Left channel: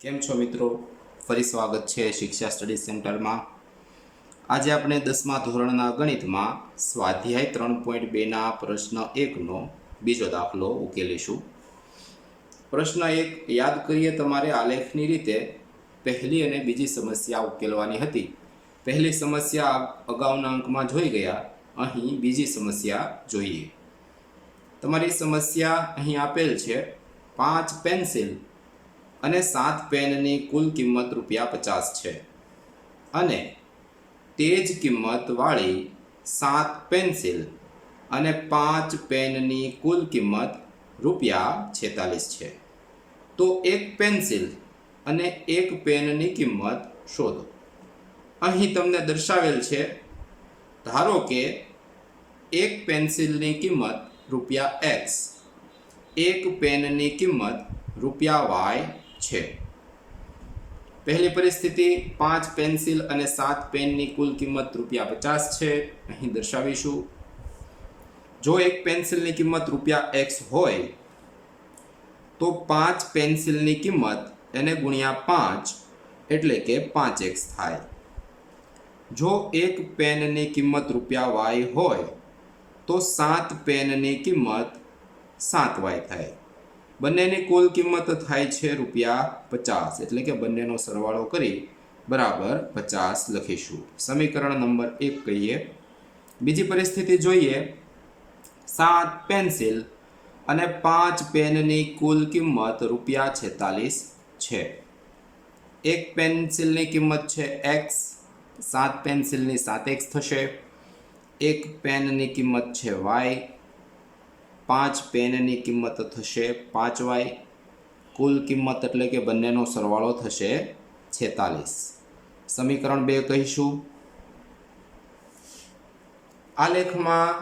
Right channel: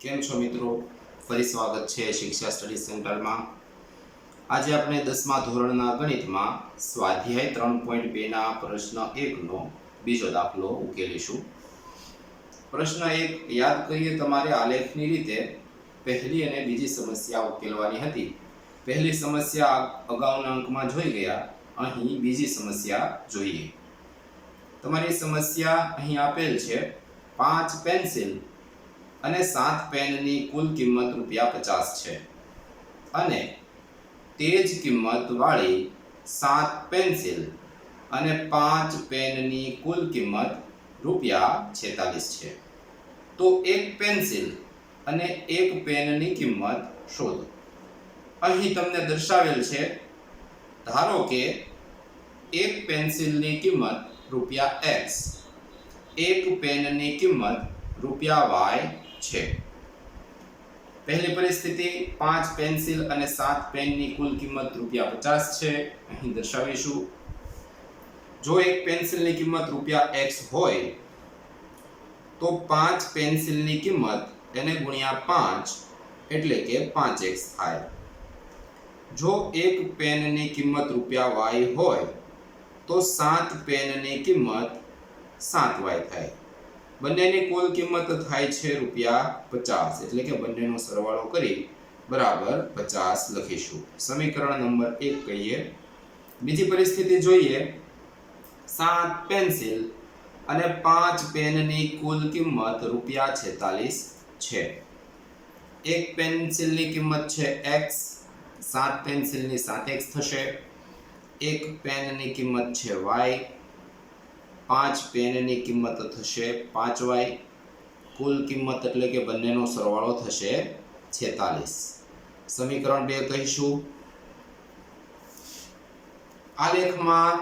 કેમ છો મિત્રો? ફરી સ્વાગત છે શિક્ષા સ્ટડી સેન્ટરમાં। આજે આપણે 10મા ધોરણના ગણિતમાં સ્વાધ્યાય 3.2ના પ્રશ્ન 1નો બીજો દાખલો ઉકેલીશું। પ્રશ્ન 1 યાદ કરીએ, તમારે આલેખની રીતે પહેલી અને બીજી સમસ્યા ઉકેલવાની હતી। પહેલી સમસ્યા અગાઉના અંકમાં જોઈ ગયા, અહીં બીજી સમસ્યા જોઈએ। તમારી સમસ્યા અહીં આપેલ છે, 5 પેન્સિલ અને 7 પેનની કુલ કિંમત ₹50 છે અને તે જ કિંમત વાળી 7 પેન્સિલ અને 5 પેનની કુલ કિંમત ₹46 છે। તો એક પેન્સિલ અને એક પેનની કિંમત શોધો। અહીં તમને દર્શાવેલ છે, ધારો કે એક પેન્સિલની કિંમત ₹X, એક પેનની કિંમત ₹Y છે। પહેલી પરિસ્થિતિ, 5 પેન્સિલ અને 7 પેનની કુલ કિંમત ₹50 છે, અહીં દર્શાવીશું। જો એક પેન્સિલની કિંમત ₹X હોય તો 5 પેન્સિલની કિંમત એને ગુણ્યા 5 એટલે કે 5x થાય। જો એક પેનની કિંમત Y હોય તો 7 પેનની કિંમત 7y થાય। બંનેની કુલ કિંમત થાય છે ₹50, એટલે કે બંનેનો સરવાળો કરી બરાબર 50 લખીશું। સમીકરણ નંબર 1 કહીએ। બીજી પરિસ્થિતિ જોઈએ, 7 પેન્સિલ અને 5 પેનની કુલ કિંમત ₹46 છે। એક પેન્સિલની કિંમત છે x, 7 પેન્સિલની 7x થશે। એક પેનની કિંમત છે y, 5 પેનની કિંમત થશે 5y, કુલ કિંમત એટલે કે બંનેનો સરવાળો થશે 46। સમીકરણ 2 કહીશું। આલેખમાં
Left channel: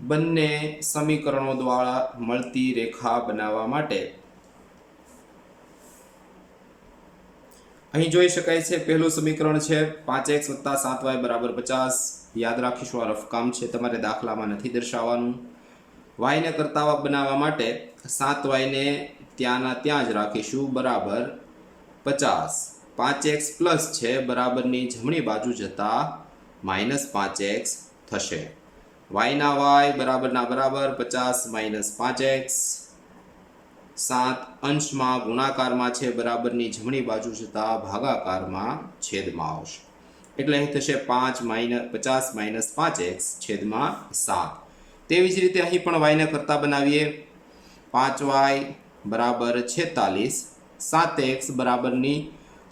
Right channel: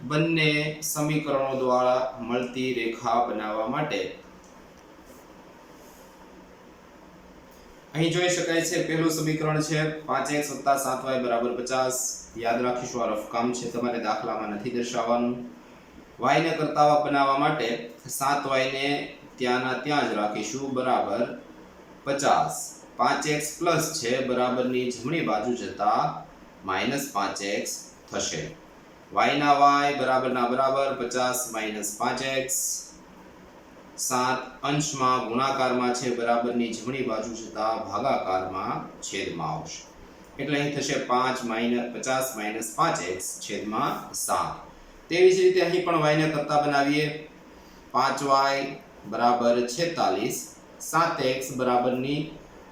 બંને સમીકરણો દ્વારા મળતી રેખા બનાવવા માટે અહીં જોઈ શકાય છે, પહેલું સમીકરણ છે 5x + 7y = 50। યાદ રાખીશું, આ રફ કામ છે, તમારે દાખલામાં નથી દર્શાવવાનું। y ને કરતાવા બનાવવા માટે 7y ને ત્યાંના ત્યાં જ રાખીશું, બરાબર 50। 5x પ્લસ છે, બરાબરની જમણી બાજુ જતા -5x થશે। y ના y બરાબરના બરાબર 50 - 5x। 7 અંશમાં ગુણાકારમાં છે, બરાબરની જમણી બાજુ જતા ભાગાકારમાં છેદમાં આવશે, એટલે અહીં થશે 50 - 5x છેદમાં 7। તેવી જ રીતે અહીં પણ y ને કરતા બનાવીએ, 5y બરાબર 46, 7x બરાબરની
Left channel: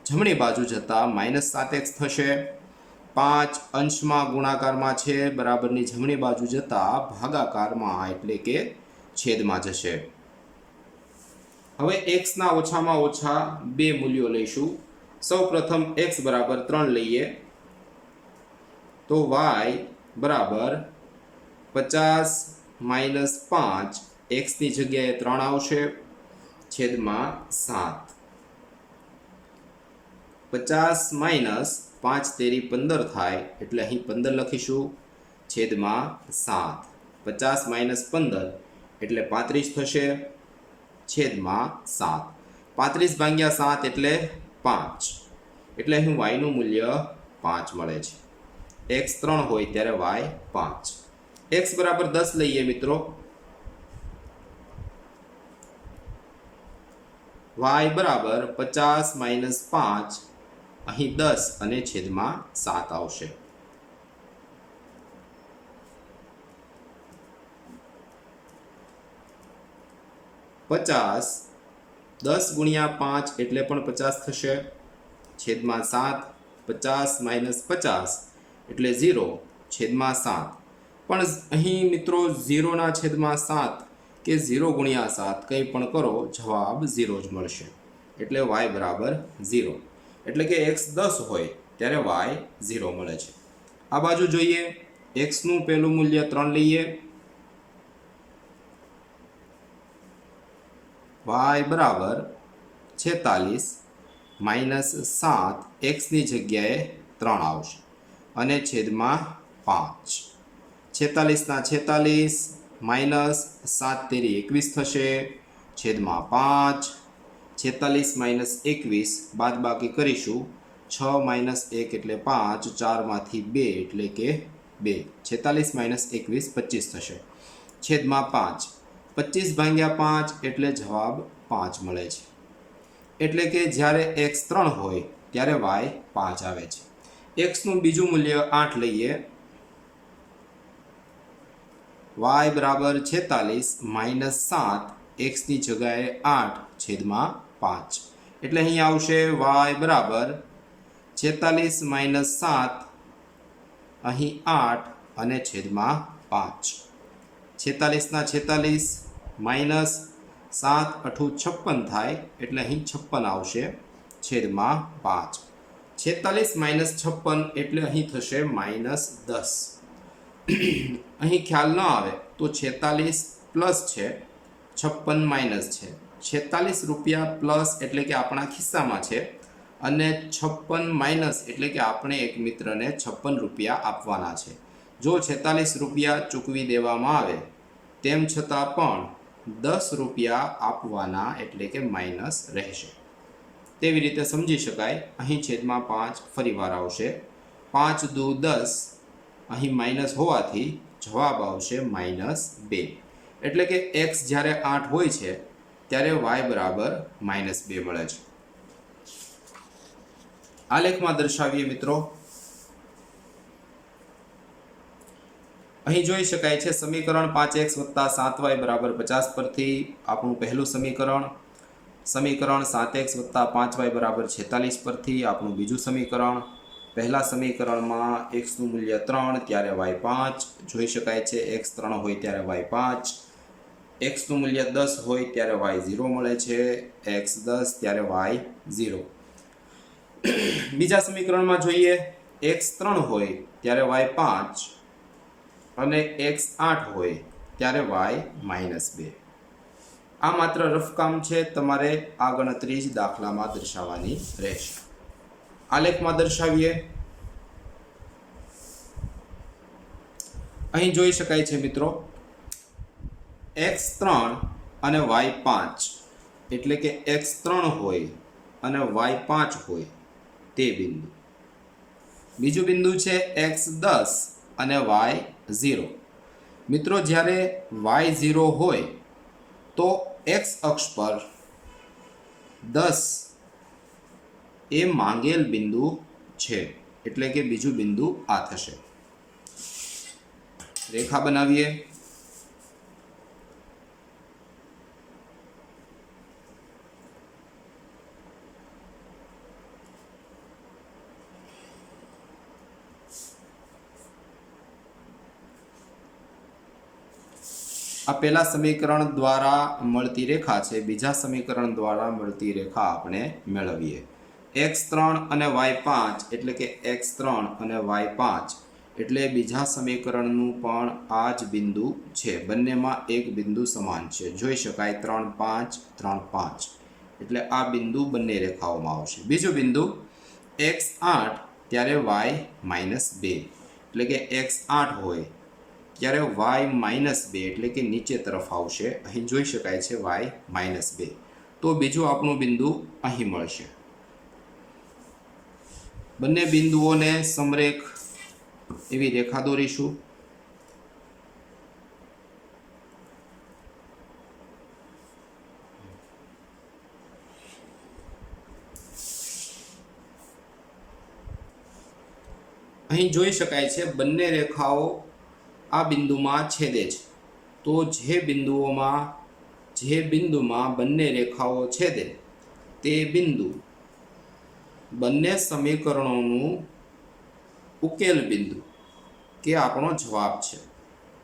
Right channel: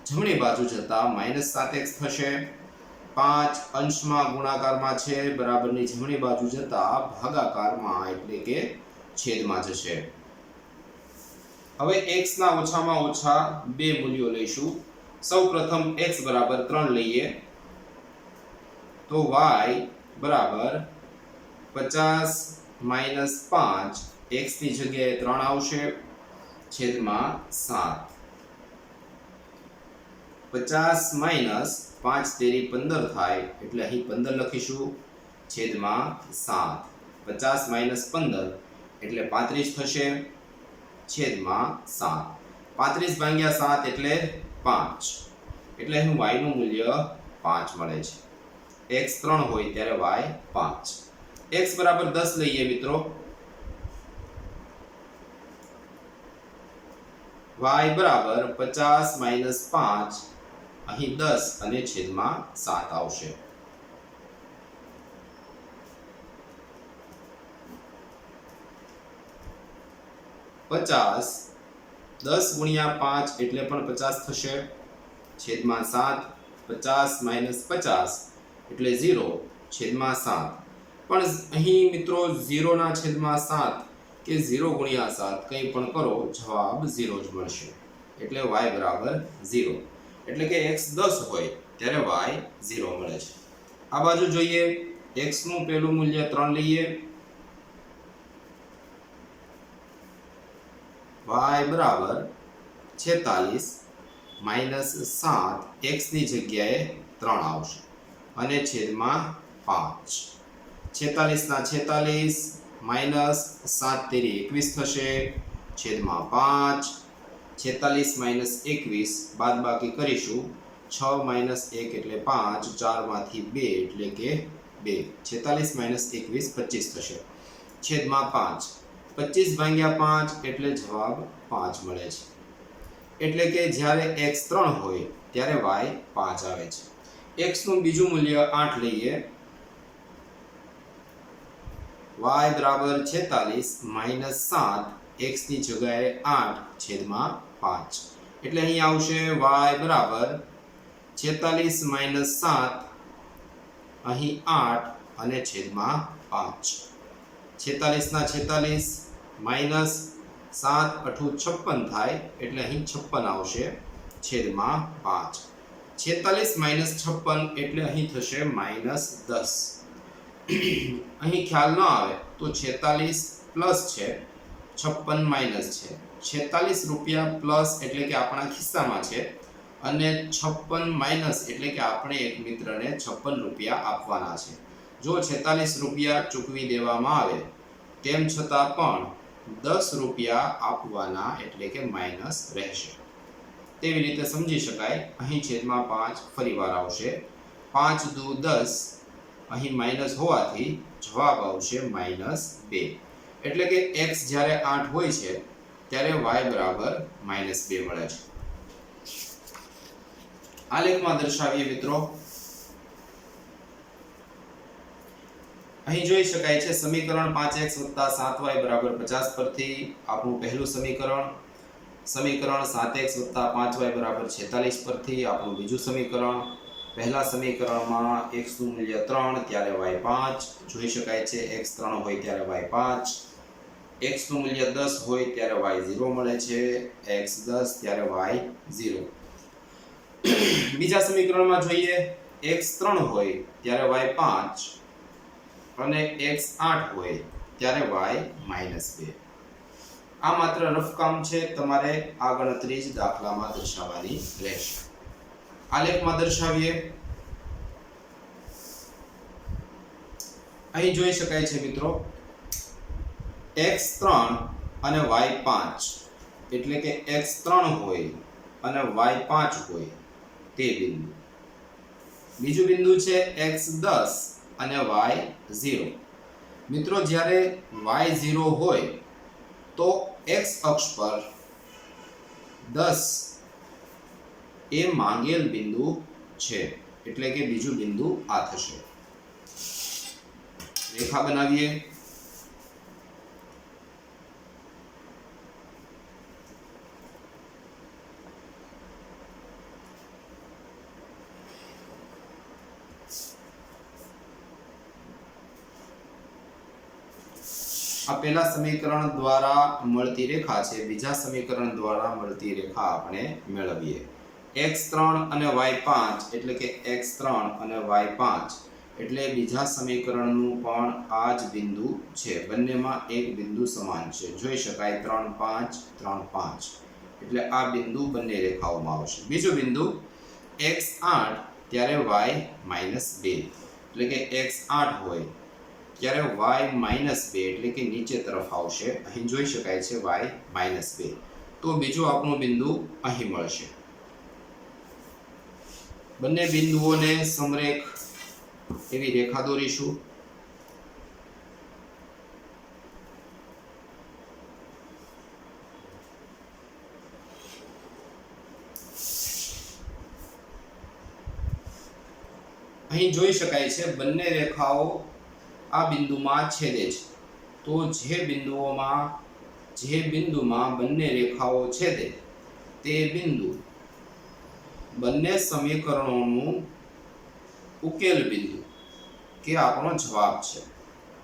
જમણી બાજુ જતા -7x થશે। 5 અંશમાં ગુણાકારમાં છે, બરાબરની જમણી બાજુ જતા ભાગાકારમાં એટલે કે છેદમાં જશે। હવે x ના ઓછામાં ઓછા 2 મૂલ્યો લઈશું। સૌ પ્રથમ x બરાબર 3 લઈએ તો y બરાબર 50 - 5, x ની જગ્યાએ 3 આવશે, છેદમાં 7। 50 - 5 તેરી 15 થાય, એટલે અહીં 15 લખીશું, છેદમાં 7। 50 - 15 એટલે 35 થશે, છેદમાં 7। 35 ભાગ્યા 7 એટલે 5, એટલે અહીં y નું મૂલ્ય 5 મળે છે। x 3 હોય ત્યારે y 5। x બરાબર 10 લઈએ મિત્રો, y બરાબર 50 - 5, અહીં 10 અને છેદમાં 7 આવશે। પચાસ 10 ગુણ્યા 5 એટલે પણ 50 થશે, છેદમાં 7। 50 - 50 એટલે 0, છેદમાં 7। પણ અહીં મિત્રો 0 ના છેદમાં 7 કે 0 ગુણ્યા 7 કંઈ પણ કરો, જવાબ 0 જ મળશે, એટલે y બરાબર 0, એટલે કે x 10 હોય ત્યારે y 0 મળે છે। આ બાજુ જોઈએ, x નું પહેલું મૂલ્ય 3 લઈએ, y બરાબર 46 - 7, x ની જગ્યાએ 3 આવશે અને છેદમાં 5। 46 ના 46 - 7 તેરી 21 થશે, છેદમાં 5। 46 માઇનસ 21 બાદ બાકી કરીશું 6 માઇનસ 1 એટલે 5 4 માંથી 2 એટલે કે 2 46 માઇનસ 21 25 થશે છેદમાં 5 25 ભાગ્યા 5 એટલે જવાબ 5 મળે છે એટલે કે જ્યારે x 3 હોય ત્યારે y 5 આવે છે x નું બીજું મૂલ્ય 8 લઈએ y બરાબર 46 માઇનસ 7 x ની જગ્યાએ 8 છેદમાં 5 એટલે અહીં આવશે y બરાબર 46 માઇનસ 7 અહીં 8 અને છેદમાં 5 46 ના 46 માઇનસ 7 8 56 થાય એટલે અહીં 56 આવશે છેદમાં 5 46 માઇનસ 56 એટલે અહીં થશે માઇનસ 10 અહીં ખ્યાલ ન આવે તો 46 પ્લસ છે 56 માઇનસ છે 46 રૂપિયા પ્લસ એટલે કે આપણા ખિસ્સામાં છે અને 56 માઇનસ એટલે કે આપણે એક મિત્રને 56 રૂપિયા આપવાના છે જો 46 રૂપિયા ચૂકવી દેવામાં આવે તેમ છતાં પણ 10 રૂપિયા આપવાના એટલે કે માઇનસ રહેશે તેવી રીતે સમજી શકાય અહીં છેદમાં 5 ફરીવાર આવશે 5 દુ 10 અહીં માઇનસ હોવાથી જવાબ આવશે -2 એટલે કે x જ્યારે 8 હોય છે ત્યારે y બરાબર -2 મળે છે આલેખમાં દર્શાવીએ મિત્રો અહીં જોઈ શકાય છે સમીકરણ 5x + 7y = 50 પરથી આપણું પહેલું સમીકરણ 7x + 5y = 46 પરથી આપણું બીજું સમીકરણ પહેલા સમીકરણમાં x નું મૂલ્ય 3 ત્યારે y 5 જોઈ શકાય છે x 3 હોય ત્યારે y 5 x નું મૂલ્ય 10 હોય ત્યારે y 0 મળે છે x 10 ત્યારે y 0 બીજા સમીકરણમાં જોઈએ x 3 હોય ત્યારે y 5 અને x 8 હોય ત્યારે y -2 આ માત્ર રફ કામ છે તમારે આ ગણતરી જ દાખલામાં દર્શાવવાની રહેશે આલેખમાં દર્શાવીએ અહીં જોઈ શકાય છે મિત્રો x 3 અને y 5 એટલે કે x 3 હોય અને y 5 હોય તે બિંદુ બીજું બિંદુ છે x 10 અને y 0 મિત્રો જ્યારે y 0 હોય તો x અક્ષ પર 10 એ માંગેલ બિંદુ છે એટલે કે બીજું બિંદુ આ થશે રેખા બનાવીએ આ પહેલા સમીકરણ દ્વારા મળતી રેખા છે બીજા સમીકરણ દ્વારા મળતી રેખા આપણે મેળવીએ x3 અને y5 એટલે કે x3 અને y5 એટલે બીજા સમીકરણનું પણ આ જ બિંદુ છે બંનેમાં એક બિંદુ સમાન છે જોઈ શકાય 3 5 3 5 એટલે આ બિંદુ બંને રેખાઓમાં આવશે બીજું બિંદુ x8 ત્યારે y -2 એટલે કે x8 હોય ત્યારે y -2 એટલે કે નીચે તરફ આવશે અહીં જોઈ શકાય છે y -2 તો બીજું આપણું બિંદુ અહીં મળશે બંને બિંદુઓને સમરેખ એવી રેખા દોરીશું અહીં જોઈ શકાય છે બંને રેખાઓ આ બિંદુમાં છેદે છે તો જે બિંદુમાં બંને રેખાઓ છેદે તે બિંદુ બંને સમીકરણોનું ઉકેલ બિંદુ કે આપણો જવાબ છે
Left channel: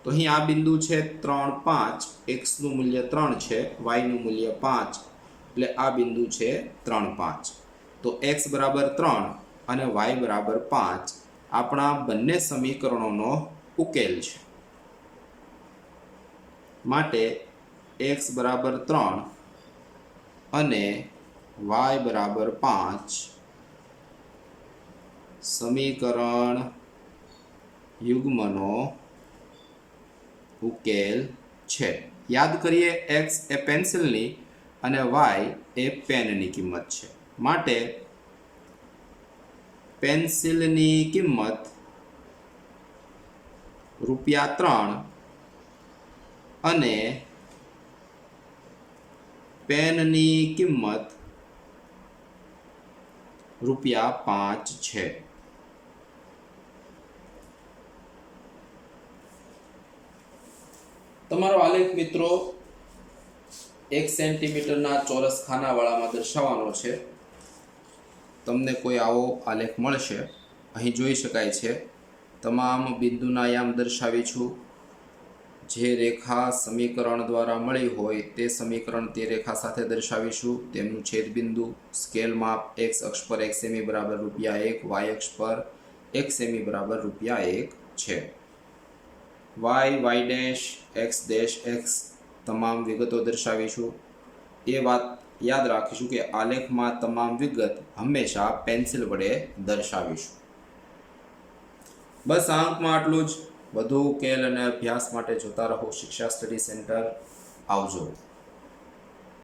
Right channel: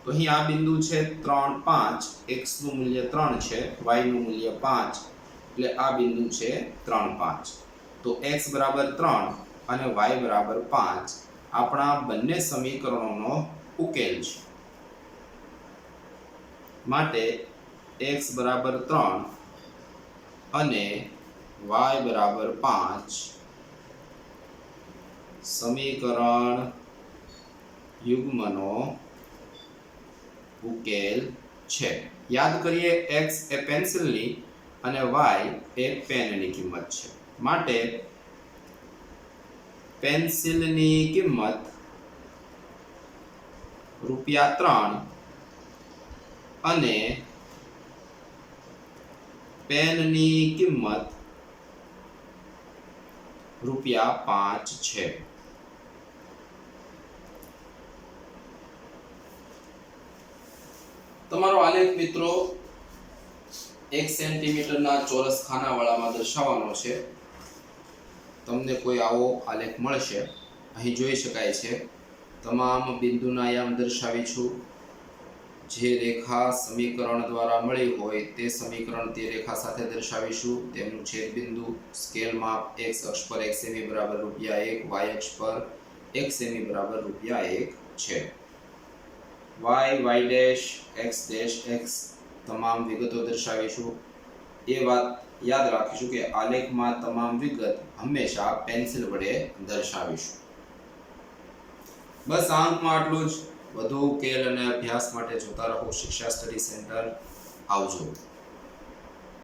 તો અહીં આ બિંદુ છે 3 5 x નું મૂલ્ય 3 છે y નું મૂલ્ય 5 એટલે આ બિંદુ છે 3 5 તો x બરાબર 3 અને y બરાબર 5 આપણા બંને સમીકરણોનો ઉકેલ છે માટે x બરાબર 3 અને y બરાબર 5 સમીકરણ યુગ્મનો ઉકેલ છે યાદ કરીએ x એ પેન્સિલની અને y એ પેનની કિંમત છે. માટે પેન્સિલની કિંમત ₹3 અને પેનની કિંમત ₹5 છે. તમારો આલેખ મિત્રો 1 સેન્ટીમીટરના ચોરસ ખાનાવાળામાં દર્શાવવાનો છે. તમને કોઈ આવો આલેખ મળશે. અહીં જોઈ શકાય છે તમામ બિંદુના આયામ દર્શાવી છું. જે રેખા સમીકરણ દ્વારા મળી હોય તે સમીકરણ તે રેખા સાથે દર્શાવીશું. તેમનું છેદબિંદુ સ્કેલ માપ x અક્ષ પર 1 સેમી બરાબર ₹1, y અક્ષ પર 1 સેમી બરાબર ₹1 છે. y ડેશ x તમામ વિગતો દર્શાવીશું. એ વાત યાદ રાખીશું કે આલેખમાં તમામ વિગત હંમેશા પેન્સિલ વડે દર્શાવીશું. બસ આ અંકમાં આટલું જ. વધુ ઉકેલ અને અભ્યાસ માટે જોતા રહો શિક્ષા સ્ટડી સેન્ટર. આવજો.